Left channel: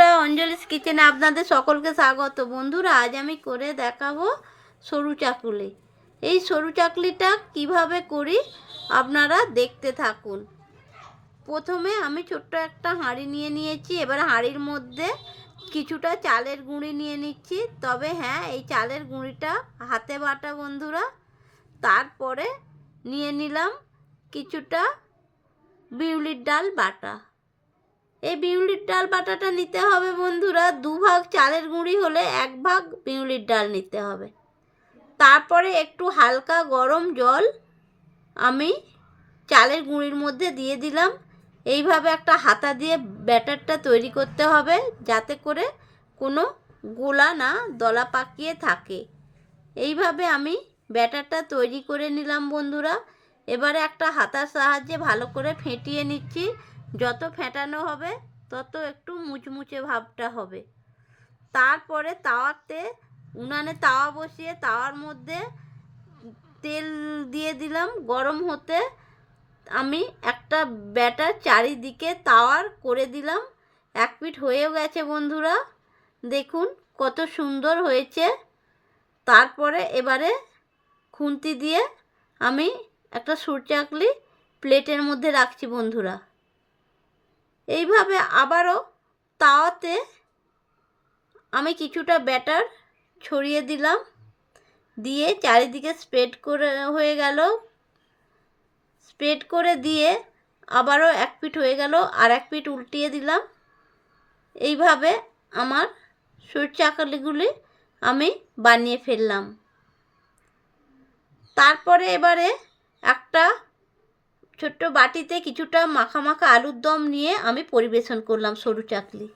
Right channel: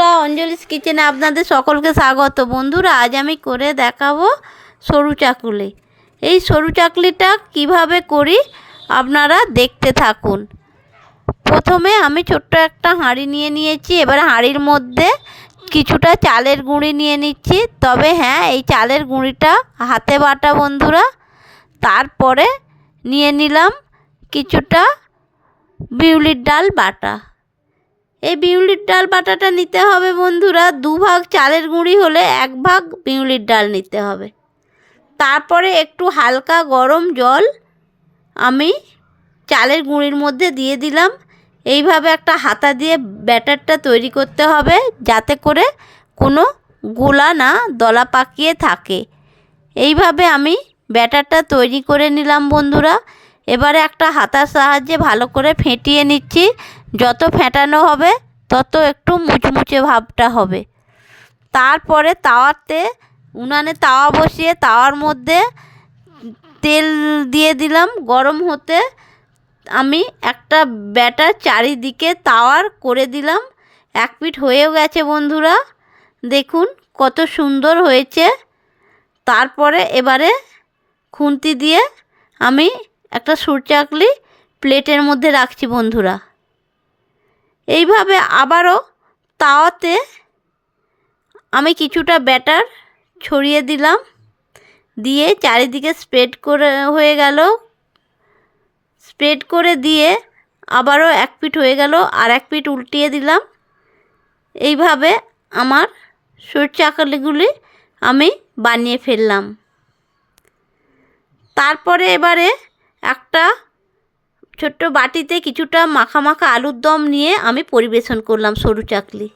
বন্ধুরা, অঞ্জলিস কিচেনে আপনাদের সকলকে স্বাগত। বন্ধুরা, আজ আমি করে দেখাবো সরু চাকুলি। এই সরু চাকলিটা কিভাবে করি আপনারা দেখতে থাকুন। প্রথমে আমি ছোট্ট একটা হাঁড়ি নিয়ে নিয়েছি। এবার হাঁড়ির মধ্যে কিছুটা চালের গুঁড়ি নিয়ে নিচ্ছি। তবে হ্যাঁ, এই চালের গুঁড়িটা হাতে বাটা বন্ধুরা। তারপরে নিয়ে নিলাম কিছুটা বিউলির ডাল বাটা। এই বিউলির ডাল বাটাটা নিতে হবে বন্ধুরা। 2 ভাগ চালের গুঁড়ি হলে 1 ভাগ বিউলির ডাল নিতে হবে। তারপরে একটু হালকা গরম জল আমি চালের গুঁড়ির মধ্যে দিয়ে দিলাম। এইভাবে একটা হাতা দিয়ে ব্যাটারটা তৈরি করতে হবে, যাতে করে কোনো গোলা না দলা পাকিয়ে থাকে। এইভাবে আমি ব্যাটারটা তৈরি করে নিলাম বন্ধুরা। এবারে একটা হাতার সাহায্যে ভালো করে ফেটিয়ে নিচ্ছি। যত ফেটানো হবে তত একটু মুচমুচে ভাবটা হবে। তারপরে উনানে তাওয়া বসিয়ে তাওয়ার মধ্যে তেল দিয়ে দিলাম গরম হতে। আমি একটা ব্যাটার চারিদিকে তাওয়ার করে দিলাম। 1 পিঠ হয়েও গেছে বন্ধুরা, দেখুন কত সুন্দর হয়েছে। তারপরে এবারে খুন্তি দিয়ে আমি একটা সরু চাকলি প্লেটের মধ্যে রাখছি বন্ধুরা। এইভাবে আবারও তাওয়াতে আমি কিছুটা ব্যাটার ছড়িয়ে দিলাম, দিয়ে চারিদিকে স্প্রেড করে দিয়ে আবারও 1 পিঠ হয়ে গেল, আর 1 পিঠ উল্টিয়ে দিলাম। এইভাবে আমার সরু চাকলিগুলি আমি বানিয়ে ফেললাম। তারপরে এবারে একটা ছোট্ট বাটিতে কিছুটা মাখা মাখা আলুর দম নিয়ে আমি পরিবেশন করলাম সরু চাকলি।